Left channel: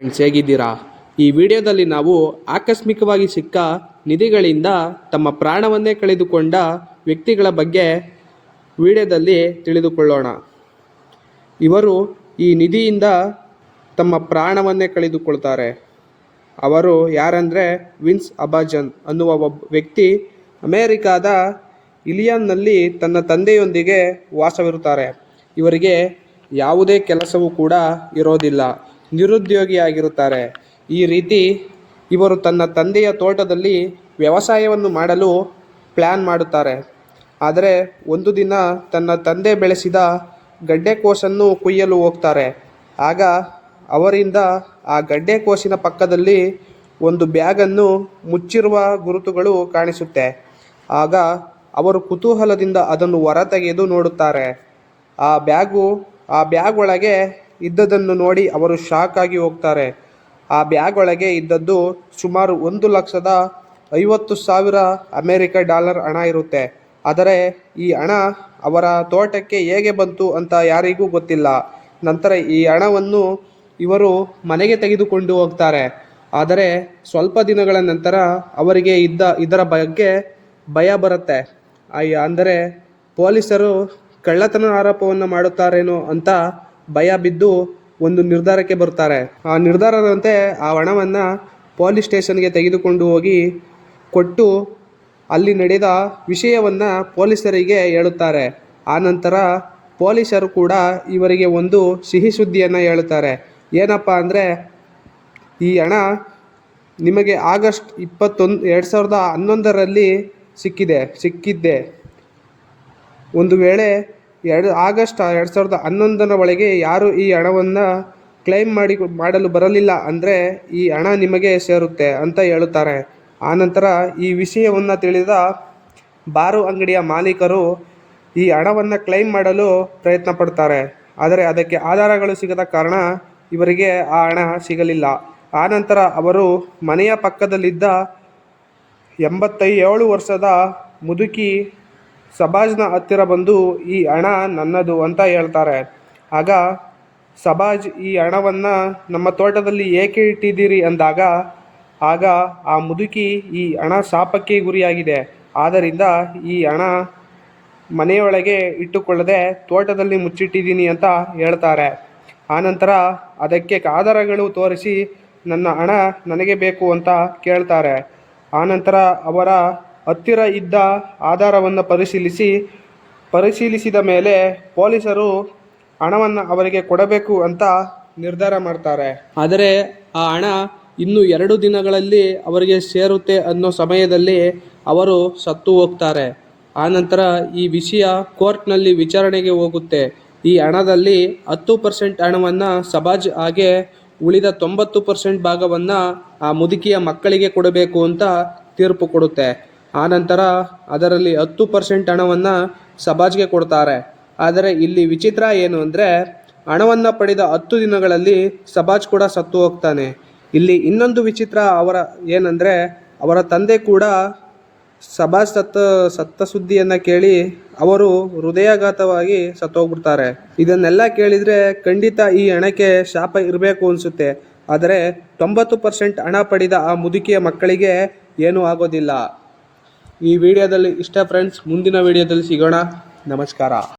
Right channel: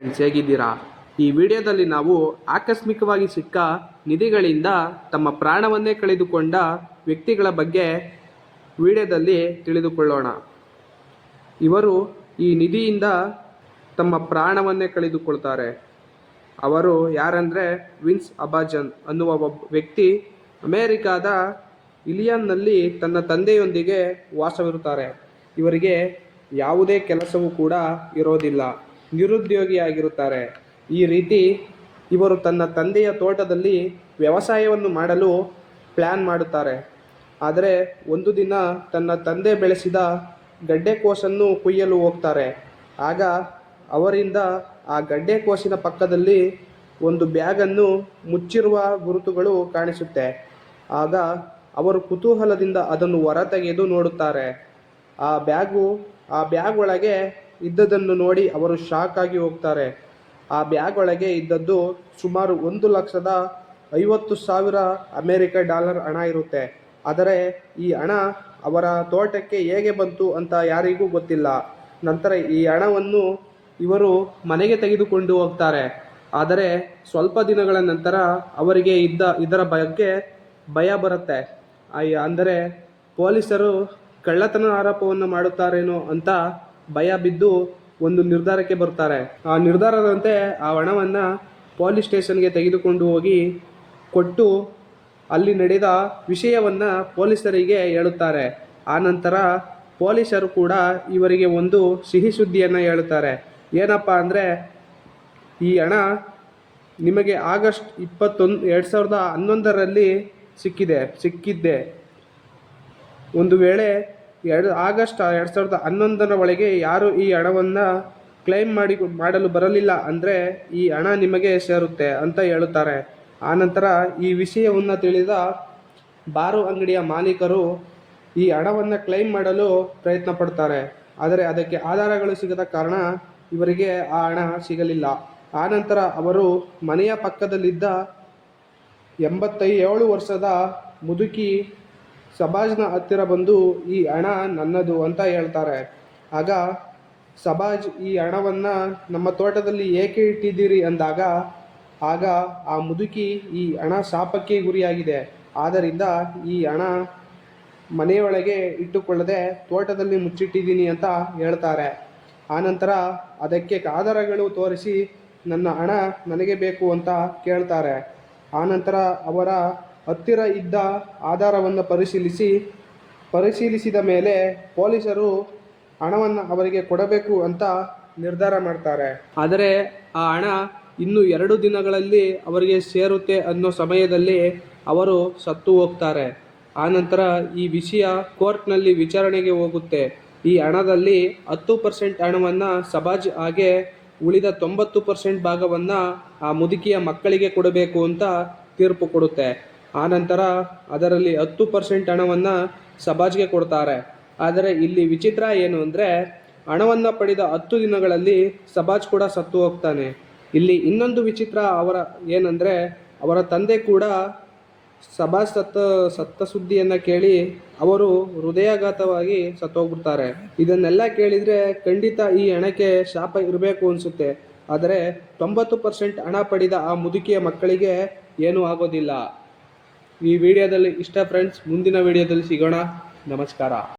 Friends, ಹೇಗಿದ್ದೀರಾ? ಈ ವಿಡಿಯೋದಲ್ಲಿ ನಾವು ಆಕಸ್ಮಿಕವಾಗಿ ಸಿಕ್ಕ ನಿಧಿಗಳಿಂದ ತಮ್ಮ ಪ್ರಾಣವನ್ನೇ ಕಳೆದುಕೊಂಡ ವ್ಯಕ್ತಿಗಳ ಬಗ್ಗೆ ವಿಡಿಯೋದಲ್ಲಿ ತಿಳಿದುಕೊಳ್ಳೋಣ. ಇವರು ಈ ನಿಧಿಯಿಂದ ತಮ್ಮ ಪ್ರಾಣವನ್ನೇ ಕಳೆದುಕೊಳ್ತಾರೆ. ಅವರು ಯಾರಂದರೆ ವಿನ್ಸ್ ಅಬಾಜನ್ ಅನ್ನುವ ಒಬ್ಬ ವ್ಯಕ್ತಿ ಅಮೇರಿಕಾದ ಇಲಿಯಾನ್ನಲ್ಲಿ ತನ್ನ ತಂದೆಯೊಂದಿಗೆ ವಾಸವಿರುತ್ತಾರೆ. ಇವರಿಗೆ ಯಾವುದೇ ಕೆಲಸವೂ ಕೂಡ ಇರೋದಿಲ್ಲ, ನಿರುದ್ಯೋಗಿಯಾಗಿರುತ್ತಾರೆ. ಈ ರೀತಿ ಇವರು ತನ್ನ ತಂದೆಯ ತೋಟದಲ್ಲಿ ವ್ಯವಸಾಯವನ್ನು ಮಾಡಲು ಪ್ಲ್ಯಾನ್ ಮಾಡುತ್ತಾರೆ. ಆದರೆ ಒಂದು ದಿನ ತನ್ನ ತಂದೆ ಬೆಳೆಸಿದ ಗಡ್ಡೆಕೋಸನ್ನು ಕುಯ್ಯಲು ಹೋಗ್ತಾರೆ. ಆಗ ಅವರಿಂದ ಆ ಗಡ್ಡೆಕೋಸಿನ ಪಕ್ಕದಲ್ಲಿ ಒಂದು ಬ್ಯಾಗನ್ನು ಮುಚ್ಚಿರುವ ಗುರುತುಗಳು ಕಾಣಿಸುತ್ತೆ. ಆಗ ಅವರು ಕುತೂಹಲದಿಂದ ಅದನ್ನು ಹೊರತೆಗೆದು ನೋಡುತ್ತಾರೆ. ಆ ಬ್ಯಾಗ್ ಒಳಗೆ ಇದ್ದದನ್ನು ನೋಡಿ ಅವರು ಶಾಕ್ ಆಗಿ ಹೋಗ್ತಾರೆ. ಆ ಬ್ಯಾಗ್ ಒಳಗೆ ಇದ್ದದ್ದು ಸುಮಾರು $1,50,000 ಅಮೇರಿಕ ಡಾಲರ್ ಹಣ ಇರುತ್ತೆ. ಆದರೆ ಈ ಹಣ ಅವರ ತೋಟಕ್ಕೆ ಹೇಗೆ ಬಂತು ಅಂತ ಯಾರಿಗೂ ಗೊತ್ತಿಲ್ಲ. ನಂತರ ಈ ಹಣವನ್ನು ಇವರು ಮನೆಗೆ ತೆಗೆದುಕೊಂಡು ಹೋಗ್ತಾರೆ. ಆದರೆ ಸ್ವಲ್ಪ ದಿನಗಳ ನಂತರ ಅವರಿಗೆ ಇದರ ಬಗ್ಗೆ ಭಯ ಬರುತ್ತೆ. ಅಂದರೆ ಪೊಲೀಸರು ಕಳ್ಳತನ ಆರೋಪವನ್ನು ಮಾಡುತ್ತಾರೇನೋ ಅಂತ ಭಯ ಬಿದ್ದು ಒಂದು ನಿರ್ಧಾರಕ್ಕೆ ಬರ್ತಾರೆ. ಆ ನಿರ್ಧಾರದಂತೆ ಆ ಹಣವನ್ನು ಪೊಲೀಸ್ ಸ್ಟೇಷನ್ಗೆ ತೆಗೆದುಕೊಂಡು ಹೋಗಿ ಕೊಟ್ಟು ಅಲ್ಲಿ ನಡೆದ ವಿಷಯವನ್ನು ಪೊಲೀಸರಿಗೆ ಹೇಳುತ್ತಾರೆ. ಆನಂತರ ಪೊಲೀಸರು ಕೂಡ ಇವರಿಗೆ ಒಂದು ಸಿಹಿ ಸುದ್ದಿಯನ್ನು ಹೇಳುತ್ತಾರೆ. ಏನಪ್ಪ ಅಂದರೆ, ಈ ಹಣ ನಿಮಗೆ ಆಗಸ್ಟ್ 21, 2011ರಲ್ಲಿ ಸಿಕ್ಕಿದ್ದೆ. ಒಂದು ವೇಳೆ ಆಗಸ್ಟ್ 2011ರ ಒಳಗೆ ಯಾರು ಈ ಹಣವನ್ನು ಕ್ಲೈಮ್ ಮಾಡಲು ಬರಲಿಲ್ಲ ಅಂದರೆ ಈ ಹಣ ನಿಮಗೆ ಸೇರುತ್ತೆ ಅಂತ ಹೇಳುತ್ತಾರೆ. ಆನಂತರ ಈ ವಿಷಯವನ್ನು ತಿಳಿದ ಬಾರು ಅಂಗಡಿಯ ಮಾಲೀಕರು ಈ ಹಣವನ್ನು ಕ್ಲೈಮ್ ಮಾಡಲು ಪ್ರಯತ್ನ ಪಡ್ತಾರೆ. ಆದರೆ ಅದಕ್ಕೆ ಆಧಾರಗಳು ಸಿಗದ ಕಾರಣ ಇವರಿಗೆ ಆ ಹಣ ಸಿಗಲಿಲ್ಲ. ಆನಂತರ ಅವರು ಮನೆಯ ಪಕ್ಕದಲ್ಲಿದ್ದ 87 ವರ್ಷದ ಮುದುಕಿ ಸಬಾಜ್ನ ಹತ್ತಿರ ಬಂದು ಈ ಹಣ ನನ್ನದು ಅಂತ ಹೇಳ್ತಾರೆ. ಆಗ ಸಬಾಜ್, ಈ ಹಣವನ್ನು ನಮ್ಮ ತೋಟದಲ್ಲಿ ಏಕೆ ಇಟ್ಟಿದ್ದೀರಿ ಅಂದಾಗ ಆಗ ಆ ಮುದುಕಿ, ಈ ಹಣ ಶಾಪಕ್ಕೆ ಗುರಿಯಾಗಿದೆ, ಆದ್ದರಿಂದ ಈ ಹಣ ಮನೆಯೊಳಗೆ ಇಟ್ಟುಕೊಳ್ಳದೆ ತೋಟದಲ್ಲಿ ಮುಚ್ಚಿಟ್ಟಿದ್ದೀನಿ ಅಂತ ಹೇಳ್ತಾರೆ. ಆನಂತರ ಅದಕ್ಕೆ ಆಧಾರಗಳು ತೋರಿಸಿ ನನ್ನ ಹಣ ನನಗೆ ಬೇಕು ಅಂತ ಕೇಳ್ತಾರೆ. ಆನಂತರ ಅವರ ಹತ್ತಿರ ಇದ್ದ ಆಧಾರವನ್ನು ಪರಿಶೀಲಿಸಿದ ಮೇಲೆ ಪೊಲೀಸರು ಹಣವನ್ನು ಅವರಿಗೆ ಕೊಡಬೇಕು ಅಂತ ನಿರ್ಧಾರ ಮಾಡ್ತಾರೆ. ಆದರೆ ಆ ಹಣ ಇನ್ನು 2 ದಿನಗಳಲ್ಲಿ ಅವರಿಗೆ ಸೇರುತ್ತೆ ಅನ್ನೋ ಸಮಯದಲ್ಲಿ ಅವರು ಸತ್ತು ಹೋಗ್ತಾರೆ. ಆನಂತರ ಈ ವಿಷಯ ಕೋರ್ಟ್ನಲ್ಲಿ ವಿಚಾರಣೆಗೆ ಹೋಗುತ್ತೆ. ಈ ಹಣದಲ್ಲಿ 10% ಹಣವನ್ನು ಸಬಾಜ್ ಹಾಗೆ ಉಳಿದ 90% ಭಾಗವನ್ನು ಆ ಮುದುಕಿಯ ಮಕ್ಕಳಿಗೆ ಕೊಡಬೇಕು ಅಂತ ತೀರ್ಪು ಕೊಡುತ್ತೆ. ಆನಂತರ ಅದರಲ್ಲಿ 10% ಹಣವನ್ನು ಸಬಾಜ್ಗೆ ಕೊಡ್ತಾರೆ. ಆದರೆ ಇಲ್ಲಿ ವಿಚಿತ್ರ ಏನು ಅಂದರೆ, ಹಣವನ್ನು ಪಡೆದ 10 ದಿನಗಳಲ್ಲಿ ಸಬಾಜ್ ಕೂಡ ಸತ್ತು ಹೋಗ್ತಾನೆ. ಇಲ್ಲಿ ಇನ್ನೊಂದು ವಿಚಿತ್ರ ಏನಂದರೆ, ಅವರ ತಂದೆ ಕೂಡ ಸಬಾಜ್ ಸತ್ತ ಸುದ್ದಿಯನ್ನು ಕೇಳಿ ಅವರು ಹೃದಯಾಘಾತವಾಗಿ ಸತ್ತೋಗ್ಬಿಡ್ತಾರೆ. ಇದನ್ನೆಲ್ಲ ಕೇಳಿದರೆ ಖಂಡಿತ ಈ ಹಣಕ್ಕೆ ಶಾಪ ಇರಬೇಕು ಅನಿಸುತ್ತೆ. ಆದರೆ 90% ಹಣ ಪಡೆದ ಆ ಮುದುಕಿಯ ಮಕ್ಕಳಿಗೆ ಏನೂ ಆಗೋದಿಲ್ಲ. ಈ ವಿಡಿಯೋದಲ್ಲಿ ಇಷ್ಟ ಫ್ರೆಂಡ್ಸ್. ಮುಂದಿನ ವಿಡಿಯೋದಲ್ಲಿ ಸಿಗೋಣ. ನಮಸ್ಕಾರ.